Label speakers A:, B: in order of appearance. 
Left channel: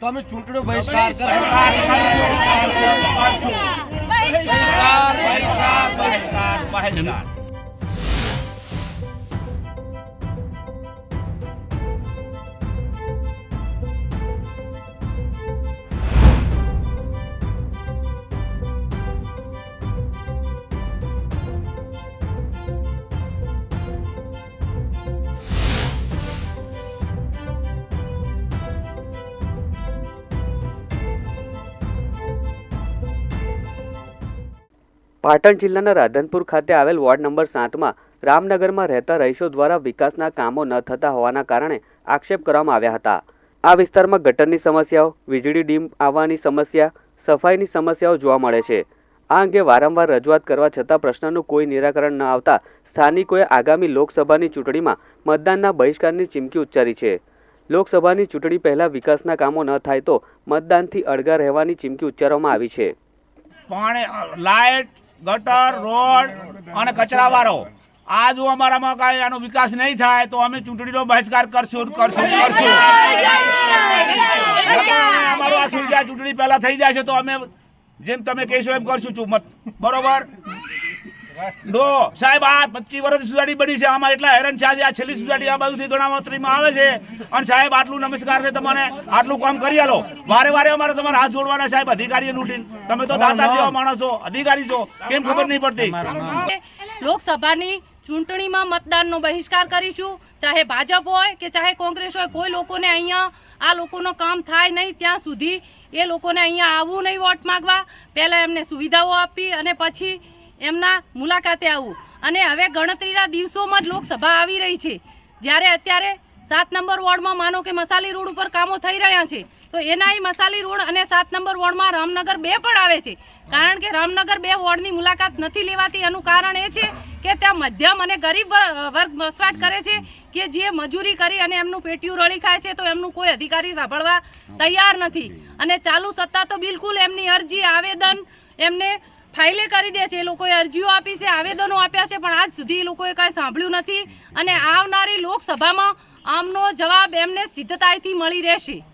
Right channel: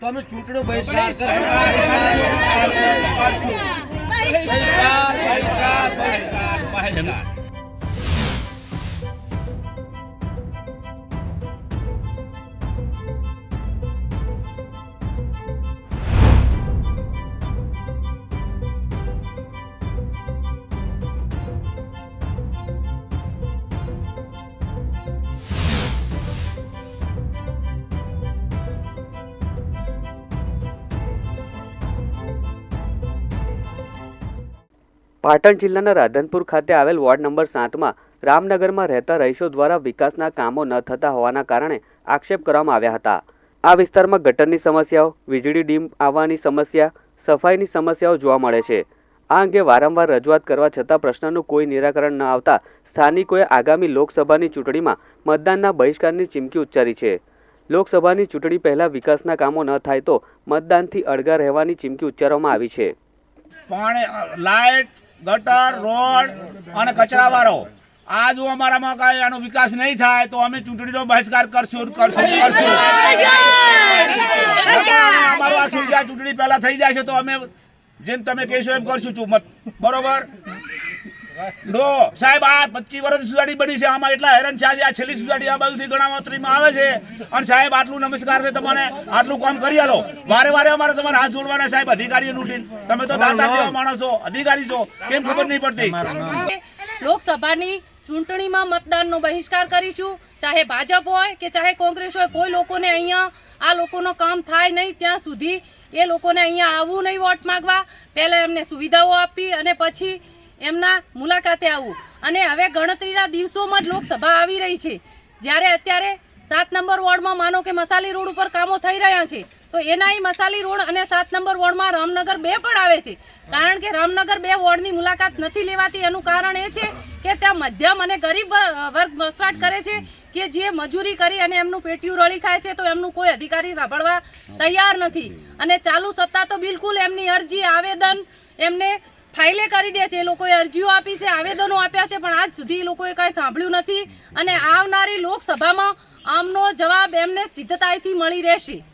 A: તો અમે ચૂંટણી બહિષ્કાર. બહિષ્કાર. બહિષ્કાર. બહિષ્કાર.
B: પાટણ જિલ્લાના રાધનપુર ખાતે આવેલ વોર્ડ નંબર સાતમાં રામનગરમાં રહેતા રહીશો દ્વારા વિકાસના કામો ન થતા હોવાના કારણે આક્ષેપ કરવામાં આવ્યા હતા. આ વિસ્તારમાં ગટરની સમસ્યાઓ, વીજળી ડીમ આવવાની સમસ્યા, સફાઈની સમસ્યાઓ જોવા મળે છે. આ અંગે વારંવાર રજૂઆત કરવા છતાં પ્રશ્નનું કોઈ નિરાકરણ ન આવતા સ્થાનિકોએ આગામી લોકસભાની ચૂંટણીમાં મતદાનના બહિષ્કારની ચીમકી ઉચ્ચારી છે. લોકસભાની ચૂંટણી પહેલા વિકાસના કામો ન થાય તો મતદાનથી અળગા રહેવાની ચીમકી ઉચ્ચારવામાં આવી છે.
A: પાણી, લાઇટ ગટર, રોડ અને કચરાવાળો. આ જો અમારામાં કાંઈ આનો વિકાસ નહીં થાય, તો અમે ચૂંટણીનો બહિષ્કાર કરશું કરશું કરશું. અમારું આ સુવિધા ચૂંટણી પહેલા થઈ જાય છે, તો અમે જેમ તમે કહેશો એમ કરશું બરોબર? નો સાહેબ આ પચીસ વર્ષ સુધારી બની છે. આમાં એટલા હેરાન છે. આજે આ છેલ્લી સુધારી આ બાજુથી ગણાવતરીમાં આવે છે. અને સાહેબ આટલું નમસ્કાર છે તમારે આટલું કામ કરી આલો. વારે વારે અમારે તમારે હાથ જોડવાના સાહેબ અધિકારી લૂંટીને. તમે તો દાતા જેવા માણસો અધિકારી છો. કેમ ખબર નહીં પડતી?
C: લોકસભાની ચૂંટણીમાં મતદાનનો બહિષ્કાર કરીશું. ચાહે ભાજપ હોય કે ચાહે કોંગ્રેસ હોય કોઈ લોકોને અહીંયા આ લોકોનો કામ થાય નહીં ત્યાં સુધી એ લોકોને અહીંયા આવવું નહીં વોટ માંગવા. પહેલાં એમને સુવિધાઓ આપી અને પછી એમના મુલાકાતે આવવું અને હવે ગણતરીના દિવસોમાં જ લોકસભા આવી રહી છે. જ્યારે અત્યારે સાત નંબર વોર્ડમાં માનો કે મસાલી રોડ ઉપર કામો થઈ રહ્યા છે, તો એનાય મસાલી રોડ અને સાત નંબર વોર્ડમાં રામનગર બે પણ આવે છે. કારણ કે રામનગર બે વોર્ડની મુલાકાત નથી લેવાતી. એનું કારણ એ છે કે ત્યાં મધ્યમ અને ગરીબ વર- વર્ગ વસવાટ કરે છે કે જે મજૂરી કરી અને એમનું પેટીયું રળી ખાય છે, તો એમનું કોઈ અધિકારી સાંભળવા તૈયાર નથી. અને ચાલુ સત્તા તો બિલકુલ એમની અરજી, આવેદન, એમને ફાઇલે કરી દે છે. એ લોકોએ અરજીઓ આપી છે, આવેદનો આપ્યા છે, પણ આજ સુધી એ લોકોએ કંઈ સાંભળ્યું નથી. અને આવનારી લોકસભામાં આમનો જવાબ એમને સિદ્ધતાથી મળી રહેશે.